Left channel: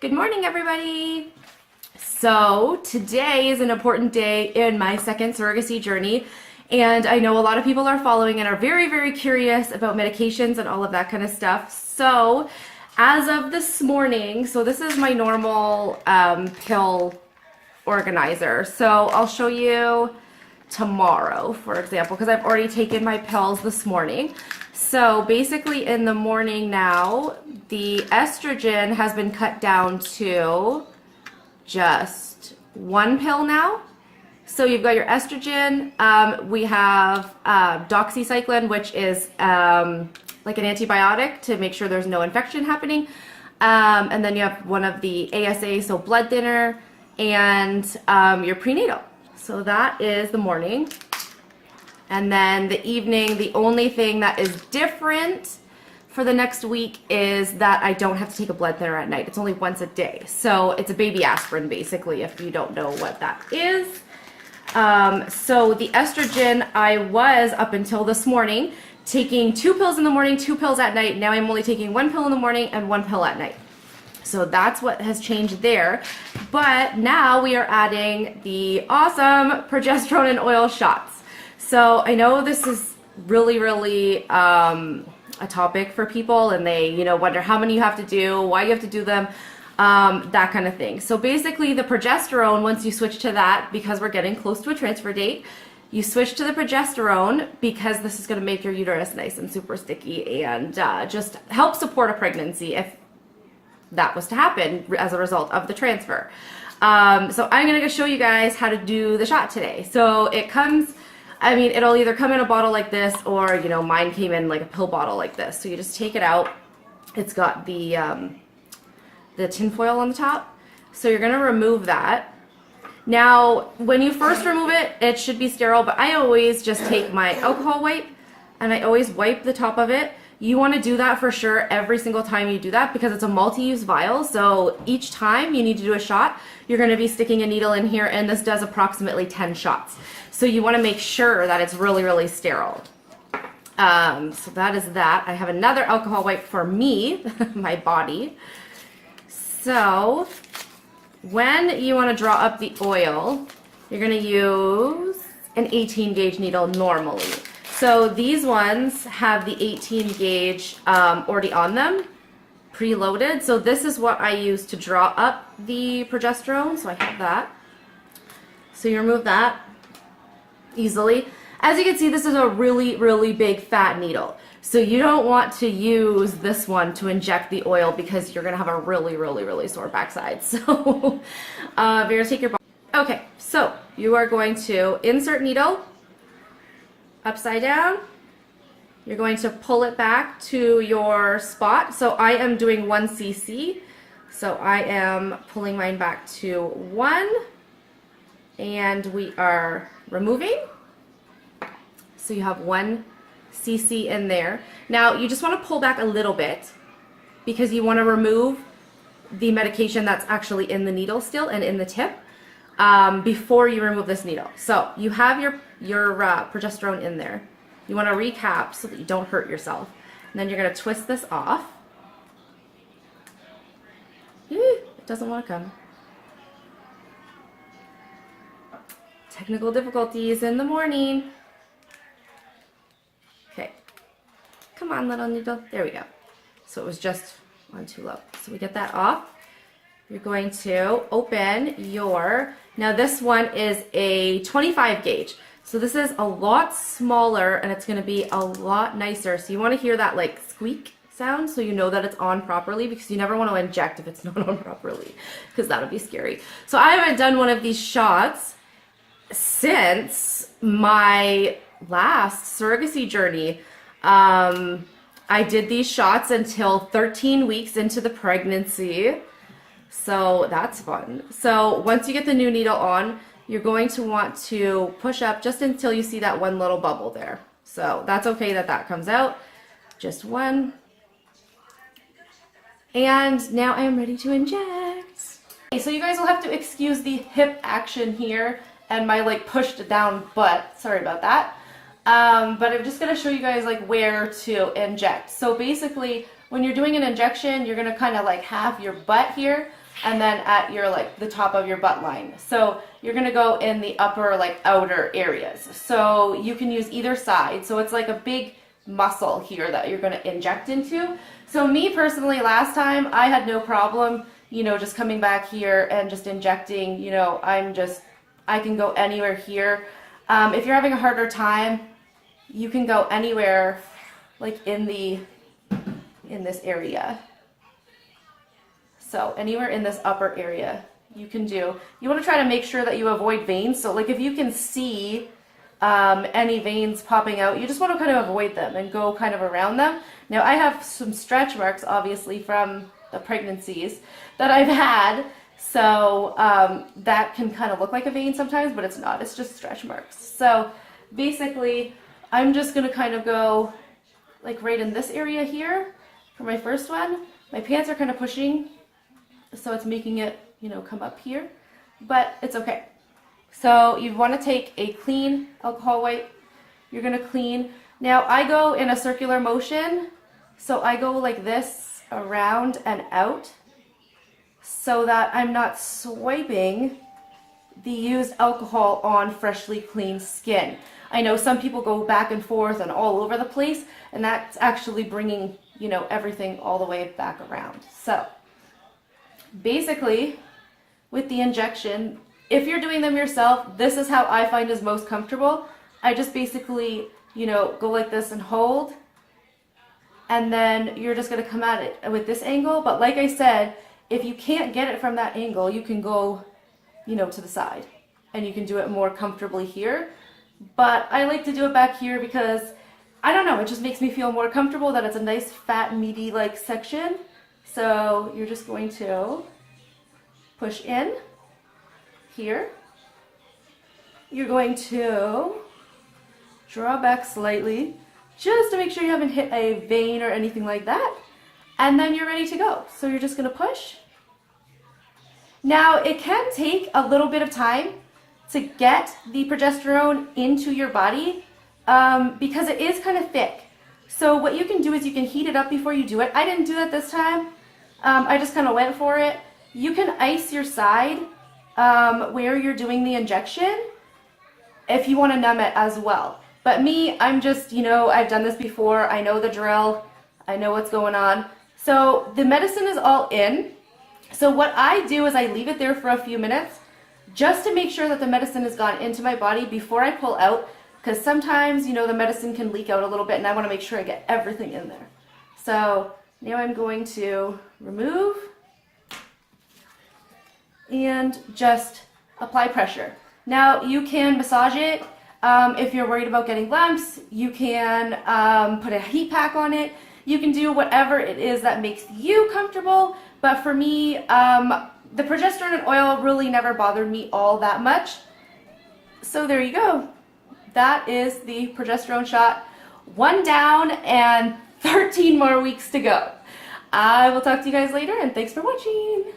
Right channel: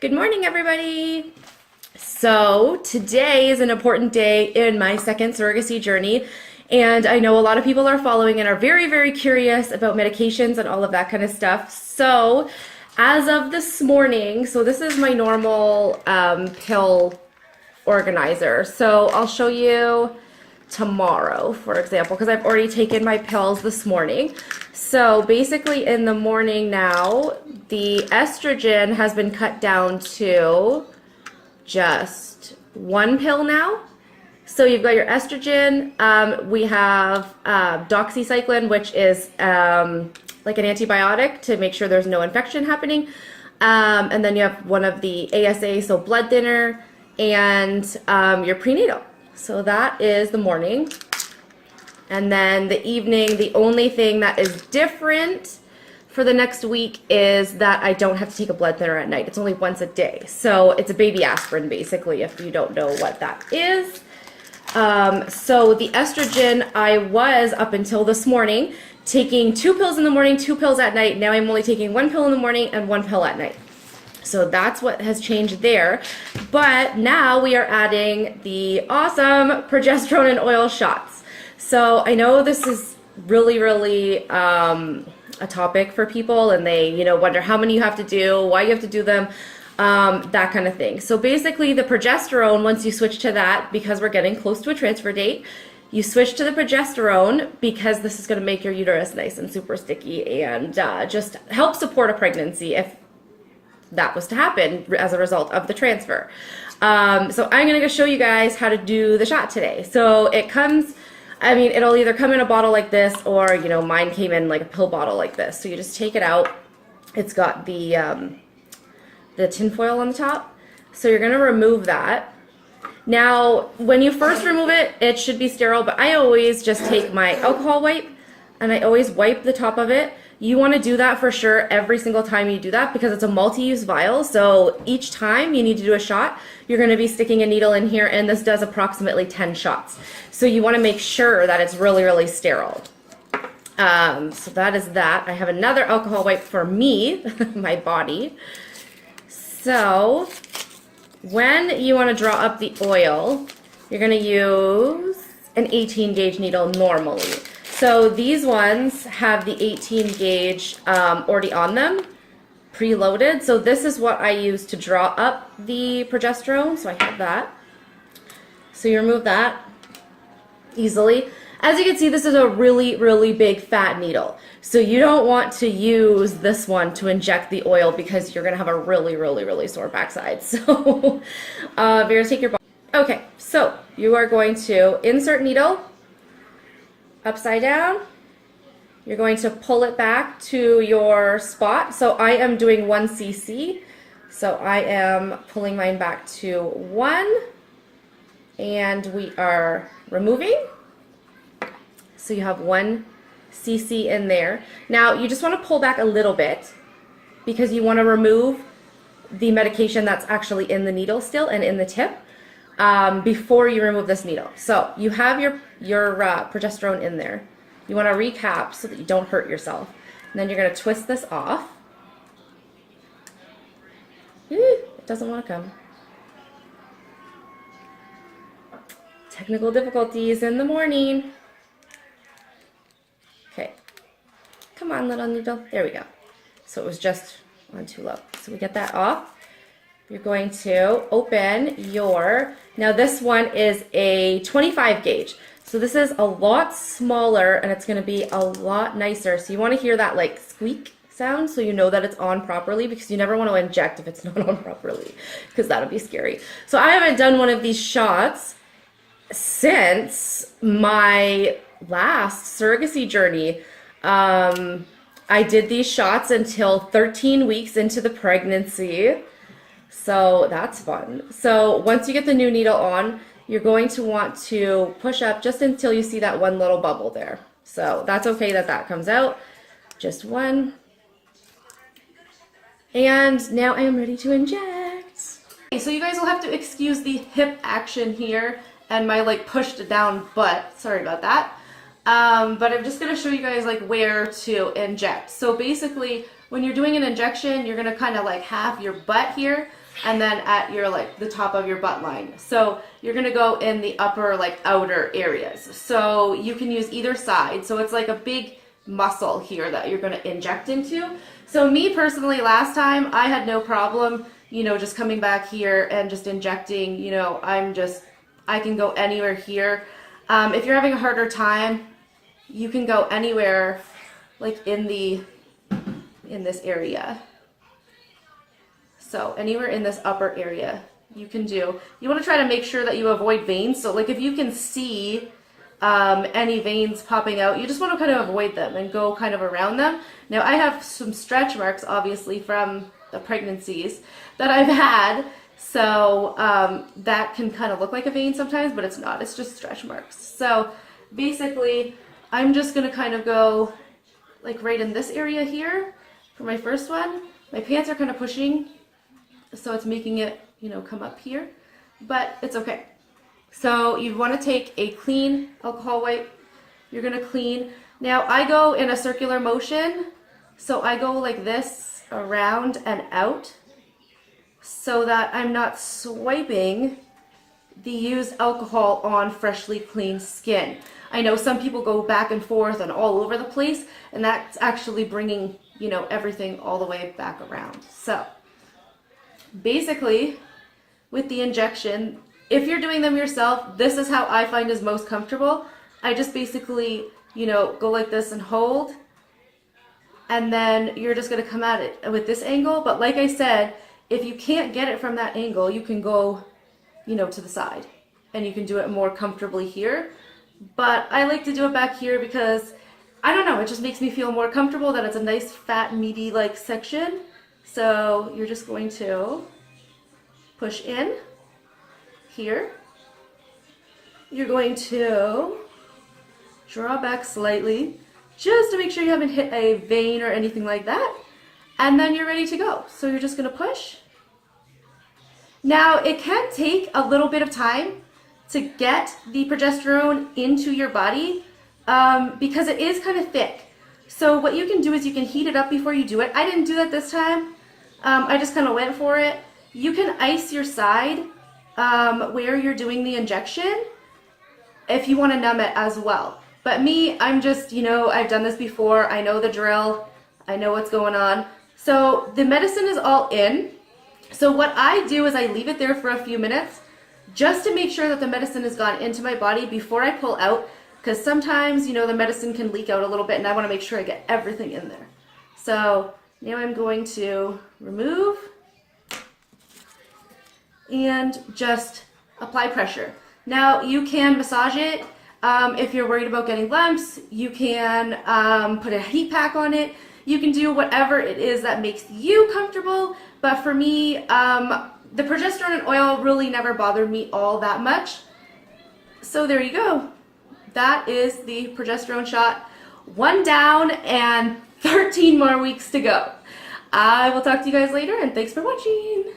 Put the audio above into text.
Good morning, everybody. So today is an important day in my second surrogacy journey, and I know a lot of people are following and are very, very curious about medications and all of that kind of stuff. So as of this morning, so this is my normal pill organizer. So I'll show you tomorrow, for example, because I've already taken my pills this morning. So basically in the morning now, the estrogen has been cut down to just one pill now. So you've got your estrogen. We have doxycycline, which is like an antibiotic to make sure there's no infection happening. And then you have one of the ASA, so blood thinner, and your prenatal. So that is the morning. And then the evening, the only thing that is different for the next week is that I don't have to take a blood thinner at night. It's only once a day. So it's a baby aspirin, basically, if you don't know what that is. So the estrogen, I was, up until this morning, taking 2 pills in the morning, 2 pills at night. Now I'm only taking 1 pill in the morning and 1 pill at night. So that's what has changed there. But now we are adding the awesome progesterone and oil shots. So I know this is really, really a topic for people, and they, wonder how many you have to do, why you have to do them, that kind of thing. So basically the progesterone, once you switch to that, because we're getting close to a transfer date, you switch to the progesterone because this is going to make your uterus nice and super sticky and just help support a pregnancy if that was to happen as a result of the transfer. So I'm going to show you guys how to do the shot today. So it comes, it'll either come in a bottle like this, or, mine came in like a pill bottle like this. So you just take it out. It's got the tin foil on the top. So you're going to remove that. Now, when you first remove it, it should be sterile, but I always just take my alcohol wipe and I always wipe the top of it. You want to do that for sure every single time you do that, because it's a multi-use vial. So each time you need to do a shot, you're going to be sticking a needle in here, and this does approximately 10 shots. So you want to make sure that it's really, really sterile. So that is that. I have another alcohol wipe for me, my body. So when you want to draw up the oil, you're going to use an 18 gauge needle normally. So these ones have the 18 gauge already on them, preloaded. So this is what I use to draw up the progesterone. So I have that. So you remove that easily. As you can see, this is a really, really big fat needle. So you don't want to use this one to inject the oil because you're going to have a really, really, really sore backside. So you're going to take your... Okay, so you are going to insert needle upside down. You're going to pull it back to your spot. So I am doing 1 cc. So I am pulling mine back to 1, and we are removing. So you have 1 cc in there. Now you just want to pull back a little bit because you want to remove the medication that's actually in the needle still and in the tip before you remove this needle. So you have your progesterone in there. You want to recap so that you don't hurt yourself. And then you're going to twist this off. It doesn't want to come. Technical difficulties in the morning. Okay. Come on, little needle. There we go. So it was just on too low. So we get that off. You're going to open your, now this one is a 25 gauge. So this is a lot smaller and it's going to be a lot nicer. So you want to hear that like squeak sound so you know that it's on properly, because you never want to inject if it's not on properly, because that'll be scary. So I haven't done one of these shots since my last surrogacy journey. I did these shots until 13 weeks into the pregnancy. So that's fun. So once you get the new needle on, you're going to want to push up just until you see that one little bubble there. So that's okay that that comes out. Just 1. And now I am ready to inject. Okay, so you guys will have to excuse the hip action here and my like pushed down butt. Sorry about that. But I'm just going to show you guys like where to inject. So basically when you're doing an injection, you're gonna kind of like have your butt here and then at your like the top of your butt line. So you're gonna go in the upper like outer areas. So you can use either side. So it's like a big muscle here that you're gonna inject into. So me personally, last time I had no problem, you know, just coming back here and just injecting, you know, I can go anywhere here. If you're having a harder time, you can go anywhere like in this area. So anywhere in this upper area you can do. You want to try to make sure that you avoid veins. So like if you can see any veins popping out, you just want to kind of avoid them and go kind of around them. Now I have some stretch marks obviously from the pregnancies that I've had. So that can kind of look like a vein sometimes, but it's not. It's just stretch marks. So basically I'm just going to kind of go like right in this area here for my first one. My pants are kind of pushing, so it's making it, you know, come up here, but it's okay. So you want to take a clean alcohol wipe. You're going to clean. Now I go in a circular motion, so I go like this around and out so that I'm not swiping the used alcohol on freshly clean skin. I know some people go back and forth and all over the place, and that's actually bringing, you know, everything all the way back around. So basically with the injection, if you're doing them yourself, this is how I find is most comfortable. I just basically, you know, go like this and hold, and then you're just going to come at it with this angle. But like I said, if you can't get it from that angle, you can go, you know, to the side and you can do it more comfortably here. But I like to do it back here because, I don't know, it just makes me feel more comfortable that it's a nice fat meaty like section. So you're just going to push in here. You're going to draw back slightly just to make sure you haven't hit a vein or anything like that. And then you're ready to go. So you're just going to push. Now it can take a little bit of time to get the progesterone into your body because it is kind of thick. So what you can do is you can heat it up before you do it. I didn't do that this time. I just kind of went for it. You can ice your side where you're doing the injection if you want to numb it as well. But me, I'm just, you know, I've done this before. I know the drill. I know what's going on. So the medicine is all in. So what I do is I leave it there for a few minutes just to make sure that the medicine has gone into my body before I pull out, because sometimes, you know, the medicine can leak out a little bit and I want to make sure I get everything in there. So now I'm going to remove and just apply pressure. Now you can massage it. If you're worried about getting lumps, you can put a heat pack on it. You can do whatever it is that makes you comfortable. But for me, the progesterone and oil really never bothered me all that much. So there you go. That is the progesterone shot. 1 down and 13 more weeks to go. I will talk to you guys later, and thanks for watching.